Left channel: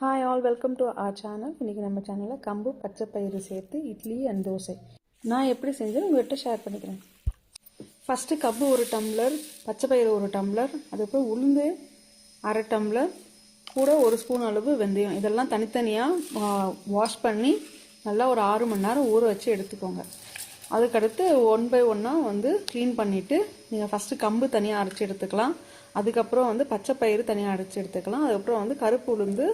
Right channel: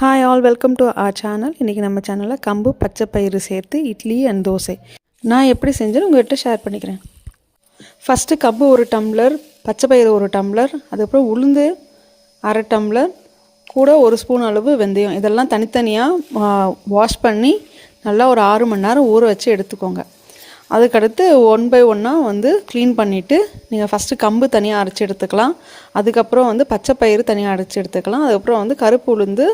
Hi all welcome to R channel. இன்றைக்கி நம்ம சேனலில் கம்பு பச்சை பயிறு சேர்த்து இட்லி அண்ட் தோசை நான் எப்படி செஞ்சேன்னு உங்கள்கிட்ட ஷேர் பண்ணிக்கிறேன். ஃபஸ்ட்டு கம்பு ஒரு டம்ளர், பச்சை பயிறு ஒரு டம்ளர், அதுக்கப்புறம் உளுந்து அரை டம்ளர், கூட ஒரு ஸ்பூன் அளவு வெந்தயம், இதெல்லாம் தனித்தனியாக வாஷ் பண்ணி நல்லா ஒரு 6 மணி நேரம் ஊற வச்சு எடுத்துக்கோங்க. அதுக்கடுத்து ஒன் பை ஒன்னாக வந்து க்ளீன் பண்ணிவிட்டு நீங்கள் ஃபஸ்ட்டு கம்பு தனியாக அரைச்சி எடுத்துக்கலாம். அதுக்கப்புறம் வந்து பச்சை பயிறு தனியாக அரைச்சி எடுத்துக்கலாம். அதுக்கப்புறம் வந்து கருப்பு உளுந்து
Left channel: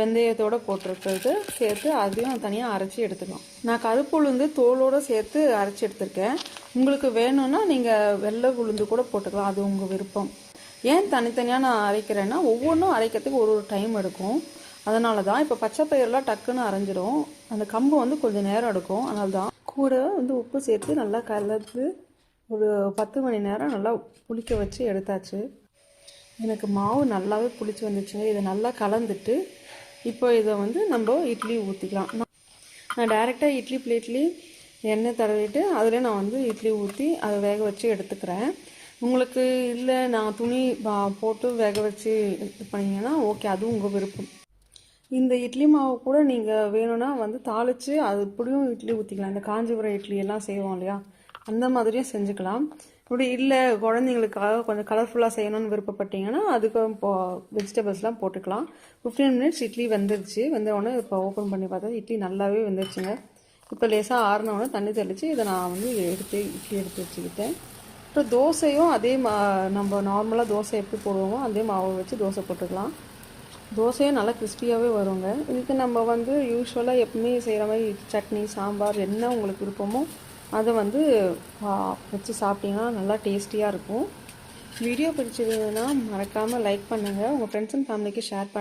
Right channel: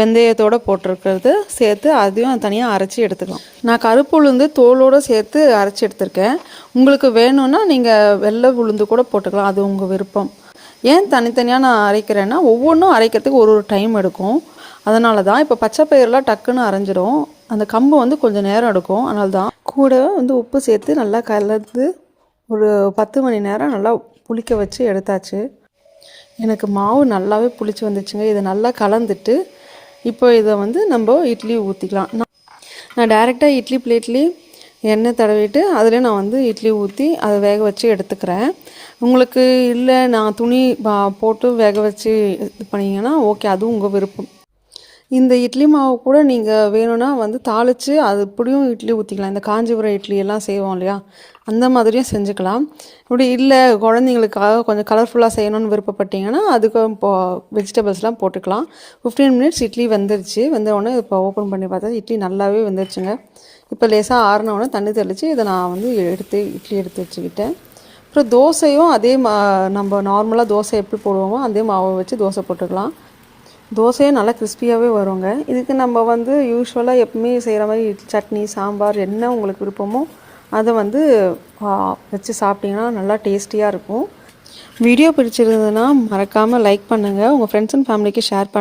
வெந்தயத்தோடு போட்டிருக்கிறது சேர்த்து அதையும் தனியாக அரைச்சி எடுத்துக்கலாம். நான் கருப்பு உளுந்து தோலோடு சேர்த்து அரைச்சி எடுத்திருக்கேன். உங்களுக்கு வேணும்னா நீங்கள் வெள்ளை உளுந்து கூட போட்டுக்கலாம், அது உங்கள் விருப்பம். ஏன் தனித்தனியாக நான் அரைக்கிறேன்னா ஒவ்வொன்றும் அரைக்கிறதுக்கு ஒரு டைம் எடுக்கும். அதனால தான். இப்போ பச்சை பயிரெலாம் டக்குன்னு அரைஞ்சிடும், அந்த கம்பு வந்து கொஞ்சம் நேரம் எடுக்கும். அதனால தான். கூட வந்து உப்பு சேர்த்து நல்லா கலந்து ஒரு 10 மணி நேரம் நல்லா புளிக்க வச்சு எடுத்தாச்சு. எனக்கு மாவு நல்லாவே புளிச்சு வந்துச்சுங்க. இதை நல்லா கலந்துட்டு இப்போ இதை வந்து நம்ம இட்லி ஊற்றிக்கலாம். நான் டைரெக்டாக இட்லி பிளேட்லேயே எண்ணெய் தடவிட்டு அதில் நான் வந்து இட்லி ஊற்றி அதை வேக வச்சு எடுத்துக்கிறேன். உங்களுக்கு இல்லை நான் துணி போட்டு வேக வச்சு இது பண்ணிங்கன்னா ஓகே, அதுவும் உங்கள் விருப்பம். இந்த இட்லி மாவு கூட நீங்கள் வேணும்னா வந்து தாளித்து அது இப்படியும் இட்லி ஊற்றிக்கலாம். இந்த காஞ்சிபுரம் இட்லி எல்லாம் செய்வோம் இல்லையா, அந்த மாதிரியும் செஞ்சுக்கலாம். இப்படி இல்லை குழந்தைங்களுக்காக கொஞ்சம் கலர்ஃபுல்லாக செய்யணும்னு விருப்பப்பட்டீங்கன்னா அதுக்கு வெஜிடபிள்ஸ்லாம் போட்டுக்கலாம். 15 மினிட்ஸ் இட்லி வெந்துருச்சு. வெந்தவுடனே இப்போ ஓப்பன் பண்ணி பார்த்தா இட்லி நல்லாவே வெந்துருச்சுங்க. இப்போ லேசாக ஆறினவுடனே தண்ணி தெளித்து இதை நான் வந்து இட்லி எடுத்து வச்சுக்கிட்டேன். அப்புறம் தோசையும் அதே நம்ம நார்மலாக தோசை எப்படி போடுவோமோ அதே மாவை வச்சு தோசை போட்டுக்கலாம். தோசையே நல்லா கிறிஸ்பியாகவே வருங்க. இதுக்கு நம்ம வந்து யூஸ்வலாக எப்பவுமே செய்கிற மாதிரி சட்னி சாம்பார் என்ன உங்களுக்கு விருப்பமோ அதை வந்து வச்சு சாப்பிட்டிங்கன்னா நல்லா டேஸ்டியாக இருக்கும். வீடியோ பிடிச்சிருந்ததுன்னா மறக்காமல் லைக் பண்ணுங்கள், உங்கள் ஃப்ரெண்ட்ஸ் அண்ட் ஃபேமிலிக்கு ஷேர் பண்ணுங்கள்.